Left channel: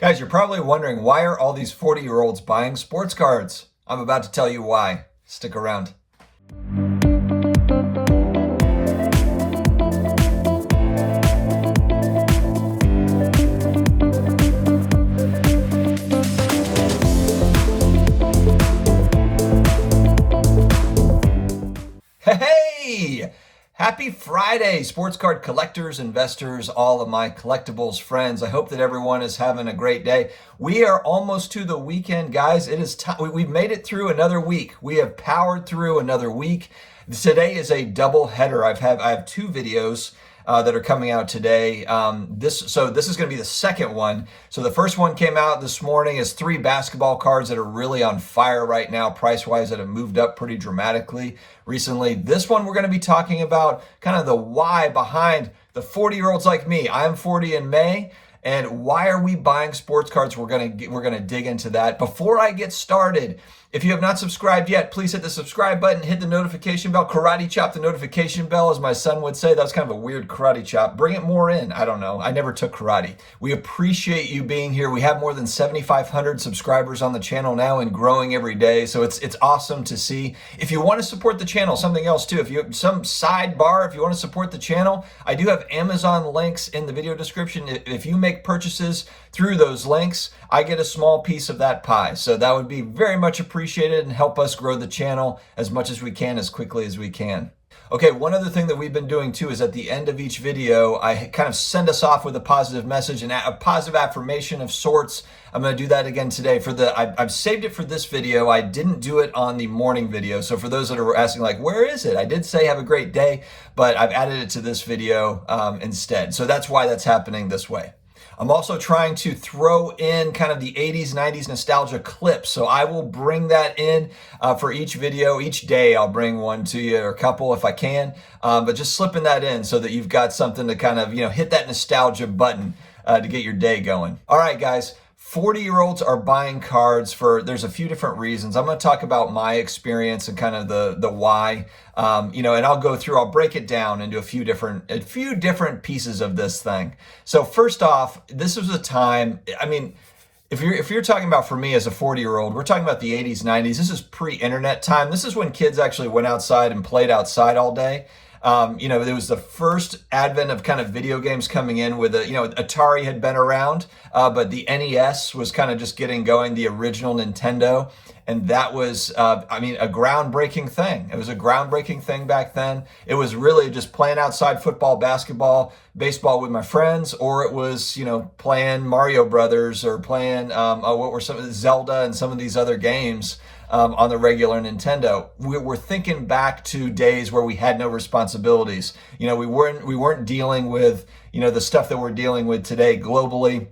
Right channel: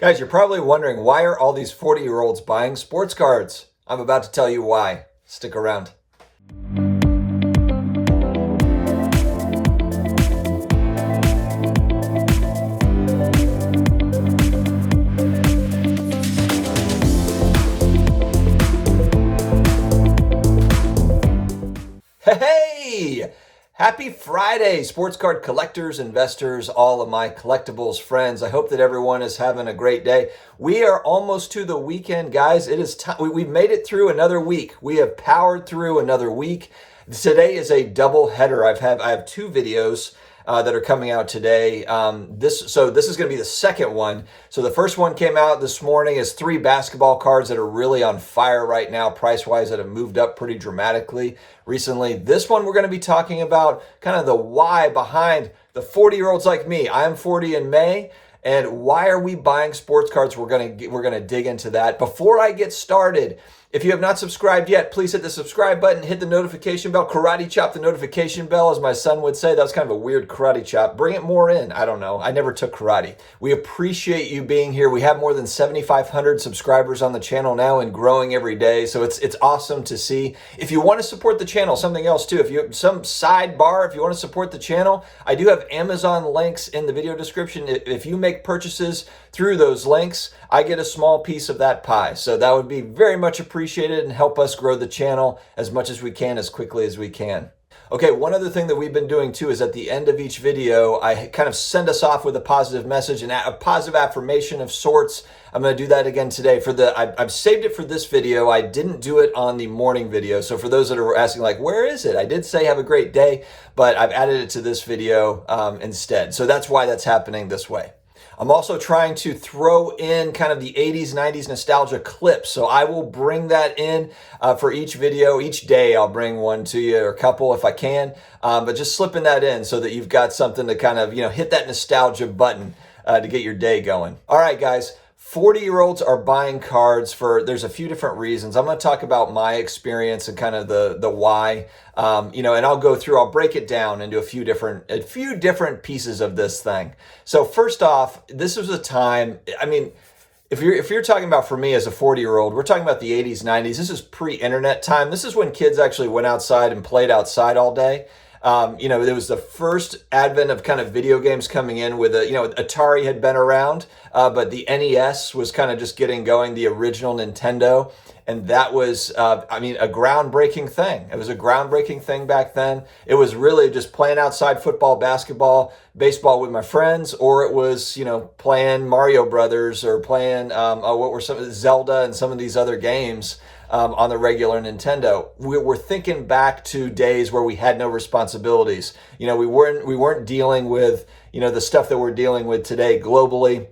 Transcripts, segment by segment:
Guys, you're probably wondering, why are all these 40-year-olds buying sports cards? I'm about to tell you why. Stick around. Hey! Happy Friday, sports card collectors, investors, all of my collectibles friends. I hope that everyone is having a great day. We are almost to the weekend, guys. It is time. We've made it through another week. We have powered through another week. Today is a double header. I have two videos that are coming out today. This is going to be the second one. So the first one came out this morning is 3 basketball cards that are really on fire right now, price-wise, that have moved up pretty dramatically recently. This one we're going to be talking about kind of the why behind the 40-year-olds like me. I'm 40 in May. And why are we buying sports cards? We're gonna dig into that. Before I get started, if you have not subscribed yet, please hit the subscribe button, hit the notification bell, karate chop the notification bell, as my son would say. That was kind of a weird karate chop. Bring it more in. I don't know. I never took karate. We appreciate you being here. We have more than 7,500 subscribers on the channel now and growing every day. So it's awesome to see. If you want to support the channel, something else too, if you have some sidebar, if you want to support the channel, I do have Amazon links in the video description. If you make purchases through those links, I get a small piece of that pie. So that would be very much appreciated and help us grow the channel as much as we can, as quickly as we can. Okay, one other thing that we've been doing too is at the end of each video, I kind of send us off with a positive message and a positive affirmation of sorts. I'm going to do that again today. I've saved it for this video. I didn't do it on the morning video. So for those that are asking, like, where is it? I did say have a great day, but I've added it to this video instead. So that's why that's happening this way. I'm also trying to throw in kind of the 80s, 90s nostalgia clips. So I will bring that in for each video. Each day I'll bring one to you, or a couple if I can. But just slipping that in so that you've got something to kind of, hit that nostalgia button to get your day going. All right, guys. 40-year-olds are buying cards there's a few different reasons. I'm going to talk about my experience and kind of the why, and I'll break it down into a few different pieces of this thing. So first off, this was a time, if you're talking about, for me as a 40-year-old, we're talking about the 80s, 90s. This is pre-internet time. This is when kids actually went outside and played outside all day. There was the first advent of kind of video games coming in with Atari had been around, but the NES was kind of just getting going, the original Nintendo. And that was, a groundbreaking thing. It was a groundbreaking thing back then. It was really just playing outside football, basketball, baseball with my friends, or it was, playing Mario Brothers or playing, Zelda and some of these other games on the regular Nintendo. We're thinking back to days where we had no responsibilities. We weren't dealing with, the stuff that we're dealing with today globally.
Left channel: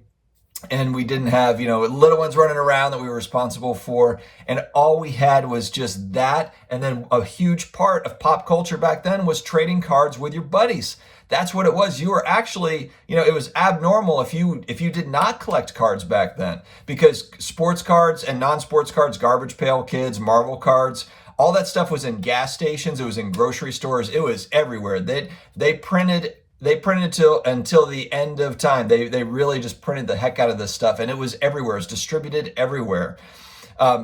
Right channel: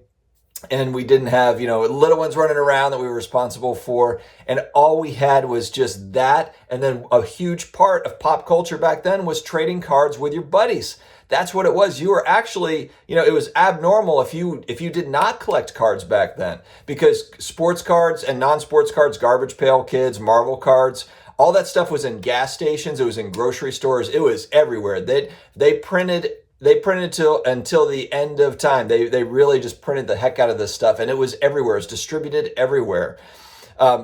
And we didn't have, little ones running around that we were responsible for. And all we had was just that. And then a huge part of pop culture back then was trading cards with your buddies. That's what it was. You were actually, it was abnormal if you did not collect cards back then, because sports cards and non-sports cards, Garbage Pail Kids, Marvel cards, all that stuff was in gas stations. It was in grocery stores. It was everywhere. They printed until the end of time. They really just printed the heck out of this stuff, and it was everywhere. It was distributed everywhere.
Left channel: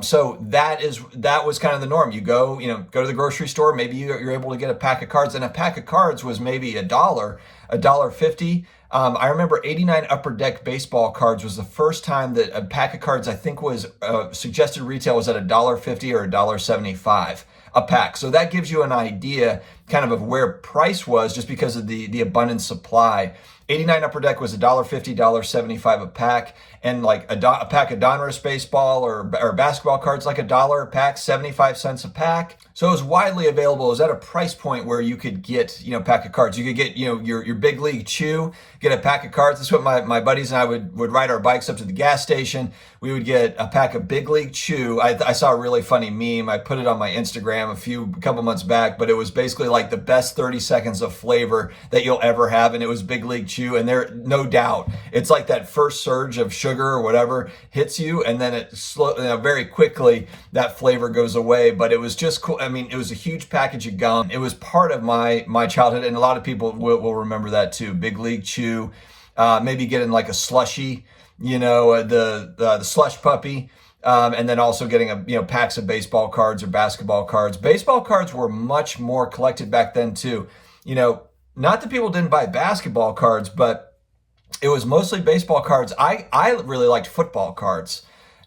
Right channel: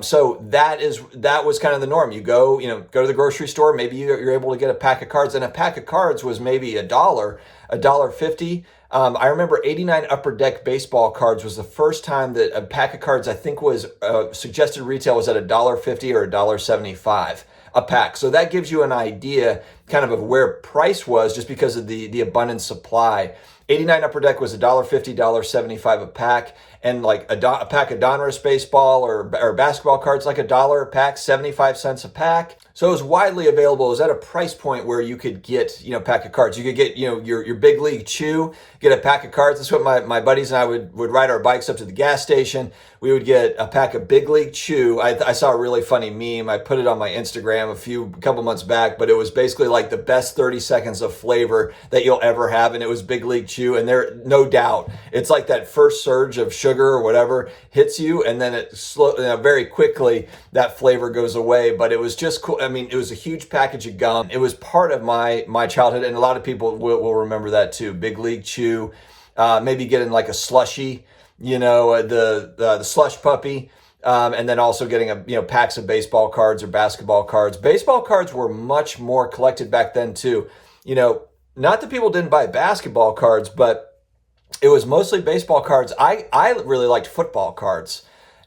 So that was kind of the norm. You go to the grocery store. Maybe you're able to get a pack of cards, and a pack of cards was maybe $1.50. I remember 89 Upper Deck baseball cards was the first time that a pack of cards, I think, was suggested retail was at $1.50 or $1.75 a pack. So that gives you an idea kind of where price was, just because of the abundant supply. 89 Upper Deck was $1.50, $1.75 a pack, and like a pack of Donruss baseball or basketball cards, like $1 a pack, 75 cents a pack. So it was widely available. It was at a price point where you could get, a pack of cards. You could get, your Big League Chew, get a pack of cards. That's what my buddies and I would ride our bikes up to the gas station. We would get a pack of Big League Chew. I saw a really funny meme. I put it on my Instagram a couple months back, but it was basically like the best 30 seconds of flavor that you'll ever have. And it was Big League Chew. And there, no doubt, it's like that first surge of sugar or whatever hits you, and then it very quickly that flavor goes away. But it was just cool. It was a huge package of gum. It was part of my childhood, and a lot of people will remember that too. Big League Chew, maybe getting like a slushie, the slush puppy. And then also getting packs of baseball cards or basketball cards. Baseball cards were much more collected back then too. Not that people didn't buy basketball cards, but it was mostly baseball cards. I really liked football cards.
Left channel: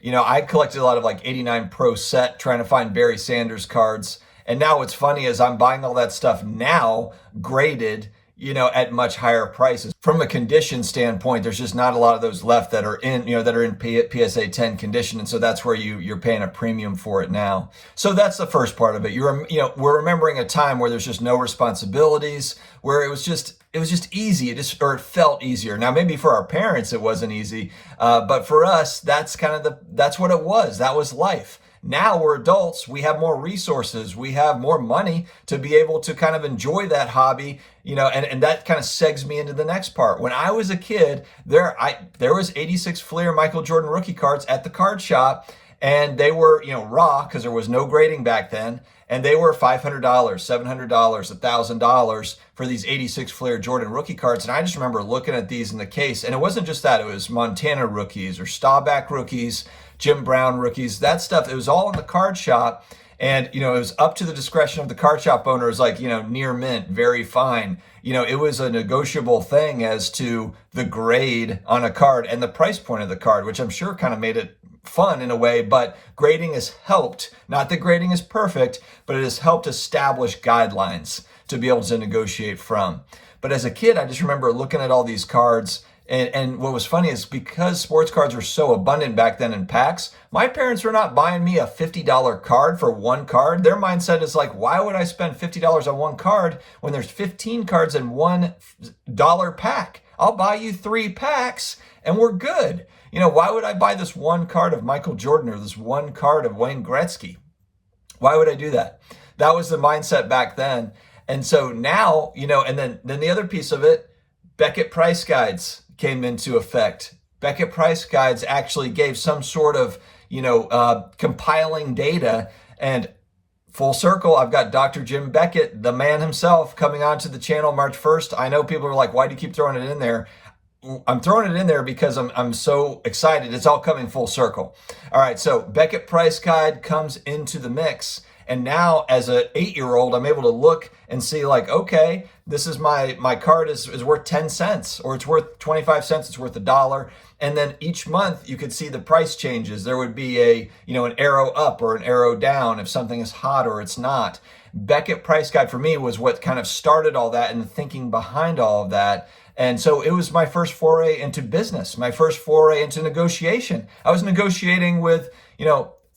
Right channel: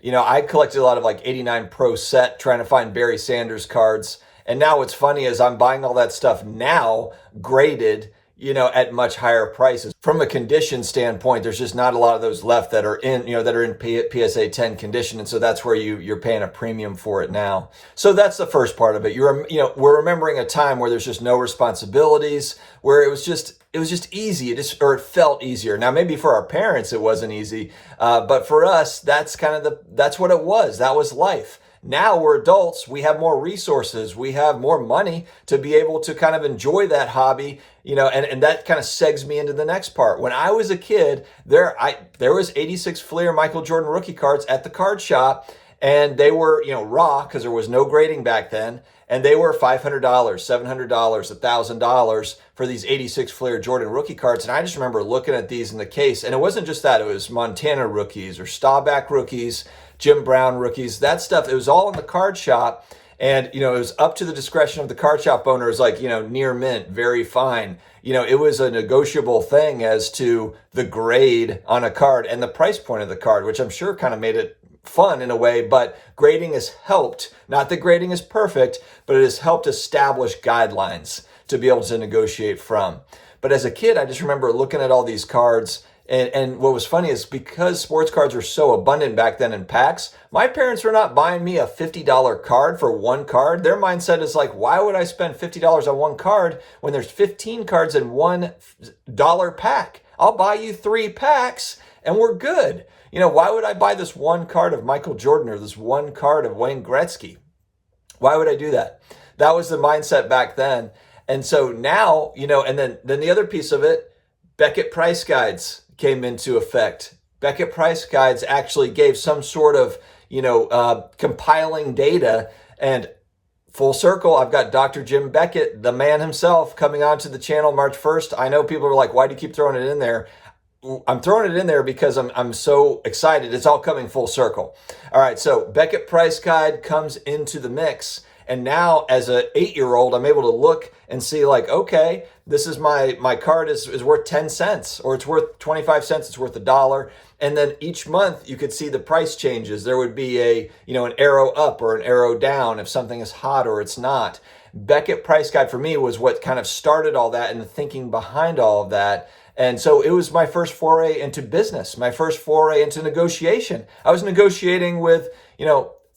I collected a lot of like 89 Pro Set, trying to find Barry Sanders cards. And now what's funny is I'm buying all that stuff now graded, at much higher prices. From a condition standpoint, there's just not a lot of those left that are in, PSA 10 condition. And so that's where you're paying a premium for it now. So that's the first part of it. We're remembering a time where there's just no responsibilities, where it was just easy. It felt easier. Now, maybe for our parents, it wasn't easy. But for us, that's what it was. That was life. Now we're adults, we have more resources, we have more money to be able to kind of enjoy that hobby, and that kind of segs me into the next part. When I was a kid, there was 86 Fleer Michael Jordan rookie cards at the card shop, and they were, raw because there was no grading back then, and they were $500, $700, $1,000 for these 86 Fleer Jordan rookie cards. And I just remember looking at these in the case, and it wasn't just that, it was Montana rookies or Staubach rookies, Jim Brown rookies, that stuff. It was all in the card shop. And, it was up to the discretion of the card shop owners, like, near mint, very fine. It was a negotiable thing as to the grade on a card and the price point of the card, which I'm sure kind of made it fun in a way, but grading has helped. Not that grading is perfect, but it has helped establish guidelines to be able to negotiate from. But as a kid, I just remember looking at all these cards. And what was funny is because sports cards were so abundant back then in packs, my parents were not buying me a $50 card for one card. Their mindset is like, why would I spend $50 on one card when there's 15 cards in $1 pack? I'll buy you 3 packs and we're good. Why would I buy this one card of Michael Jordan or this one card of Wayne Gretzky? Why would I do that? That was the mindset back then. And so now, and then the other piece of it, Beckett price guides came into effect. Beckett price guides actually gave some sort of, compiling data. And full circle, I've got Dr. Jim Beckett, the man himself, coming onto the channel March 1st. I know people are like, why do you keep throwing it in there? I'm throwing it in there because I'm so excited. It's all coming full circle. All right, so Beckett price guide comes into the mix. And now as an 8-year-old, I'm able to look and see like, okay, this is my card is worth 10 cents or it's worth 25 cents. It's worth $1. And then each month you could see the price changes. There would be an arrow up or an arrow down if something is hot or it's not. Beckett price guide for me was what kind of started all that and the thinking behind all of that. And so it was my first foray into business, my first foray into negotiation. I was negotiating with,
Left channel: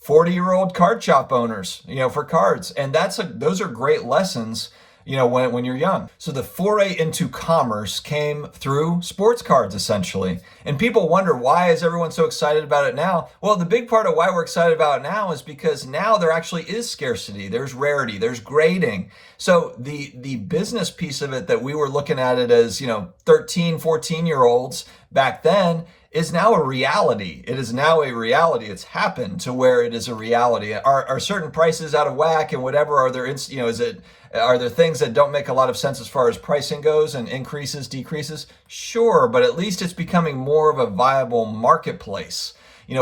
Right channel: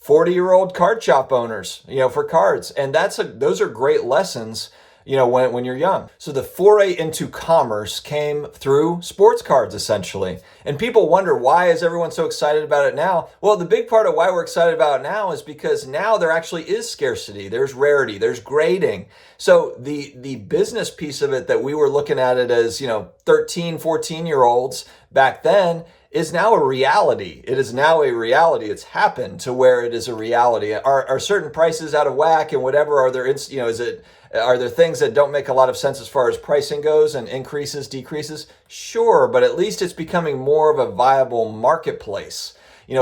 40-year-old card shop owners, for cards. And those are great lessons, when you're young. So the foray into commerce came through sports cards, essentially. And people wonder, why is everyone so excited about it now? Well, the big part of why we're excited about it now is because now there actually is scarcity. There's rarity. There's grading. So the business piece of it that we were looking at it as, 13, 14-year-olds back then is now a reality. It is now a reality. It's happened to where it is a reality. Are certain prices out of whack and whatever? Are there, are there things that don't make a lot of sense as far as pricing goes and increases, decreases? Sure, but at least it's becoming more of a viable marketplace.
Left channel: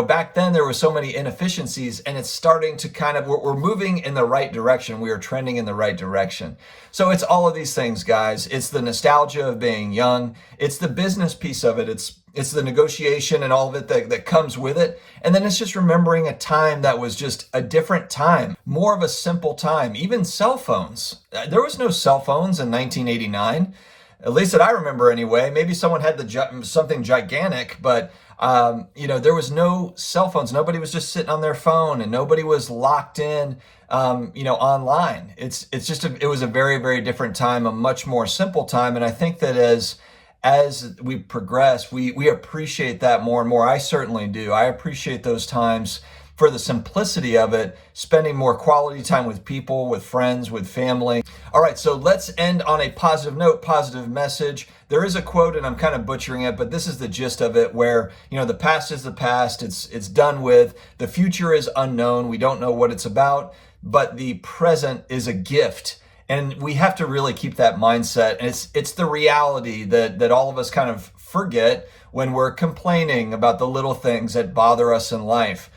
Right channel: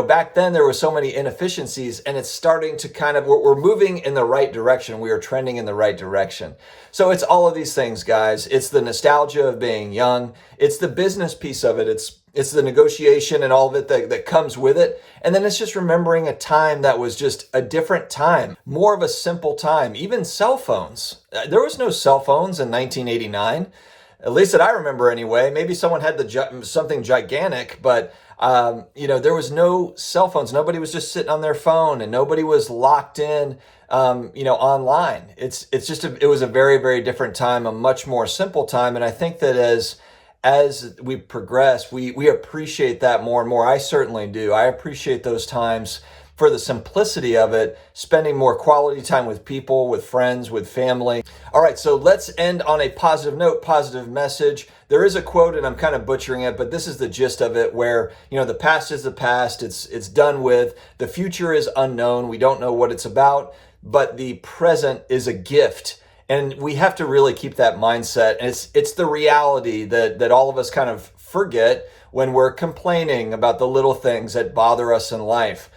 Back then there were so many inefficiencies and it's starting to we're moving in the right direction. We are trending in the right direction. So it's all of these things, guys. It's the nostalgia of being young. It's the business piece of it. It's the negotiation and all of it that comes with it. And then it's just remembering a time that was just a different time, more of a simple time. Even cell phones. There was no cell phones in 1989, at least that I remember anyway. Maybe someone had something gigantic, but there was no cell phones. Nobody was just sitting on their phone and nobody was locked in, online. It was a very, very different time, a much more simple time. And I think that as we progress, we appreciate that more and more. I certainly do. I appreciate those times for the simplicity of it, spending more quality time with people, with friends, with family. All right, so let's end on a positive note, positive message. There is a quote, and I'm kind of butchering it, but this is the gist of it, where, the past is the past, it's done with. The future is unknown. We don't know what it's about, but the present is a gift. And we have to really keep that mindset. And it's the reality that all of us kind of forget when we're complaining about the little things that bother us in life.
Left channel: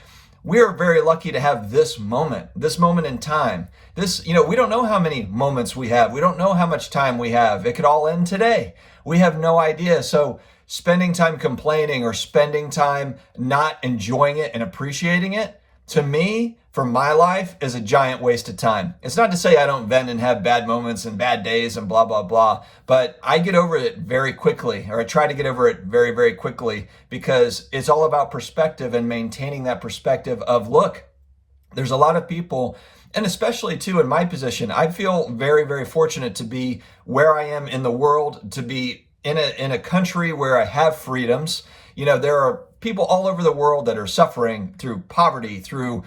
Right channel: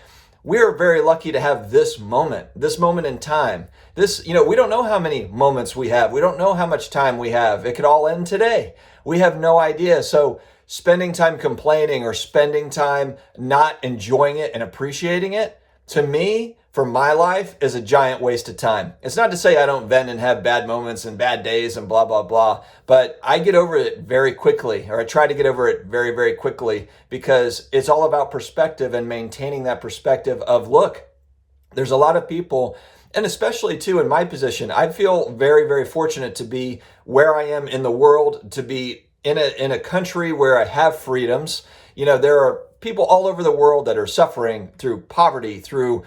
We are very lucky to have this moment in time. We don't know how many moments we have. We don't know how much time we have. It could all end today. We have no idea. So spending time complaining or spending time not enjoying it and appreciating it, to me, for my life, is a giant waste of time. It's not to say I don't vent and have bad moments and bad days and blah, blah, blah, but I get over it very quickly, or I try to get over it very, very quickly, because it's all about perspective and maintaining that perspective of, look, there's a lot of people, and especially too in my position, I feel very, very fortunate to be where I am in the world, to be in a country where I have freedoms. There are people all over the world that are suffering through poverty, through,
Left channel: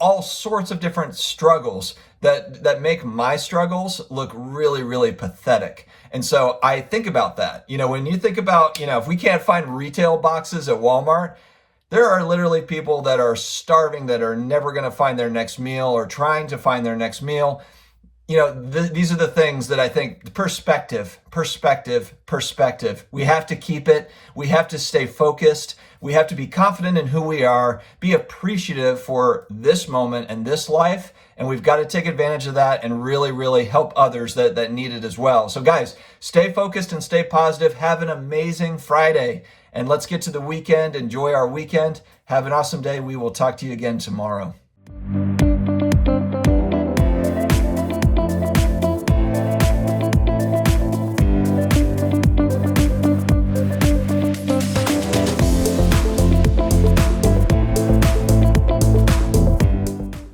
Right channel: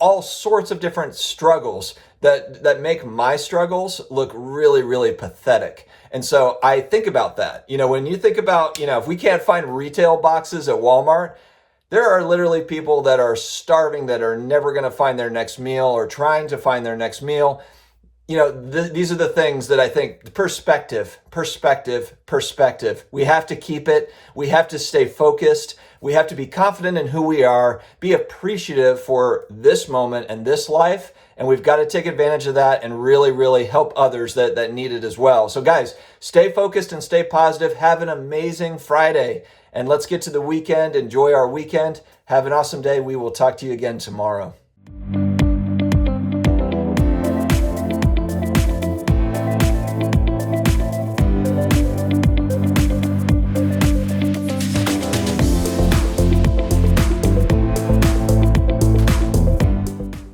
all sorts of different struggles that make my struggles look really, really pathetic. And so I think about that. When you think about, if we can't find retail boxes at Walmart, there are literally people that are starving, that are never going to find their next meal or trying to find their next meal. These are the things that I think, perspective. We have to keep it. We have to stay focused. We have to be confident in who we are, be appreciative for this moment and this life. And we've got to take advantage of that and really, really help others that need it as well. So guys, stay focused and stay positive. Have an amazing Friday. And let's get to the weekend. Enjoy our weekend. Have an awesome day. We will talk to you again tomorrow.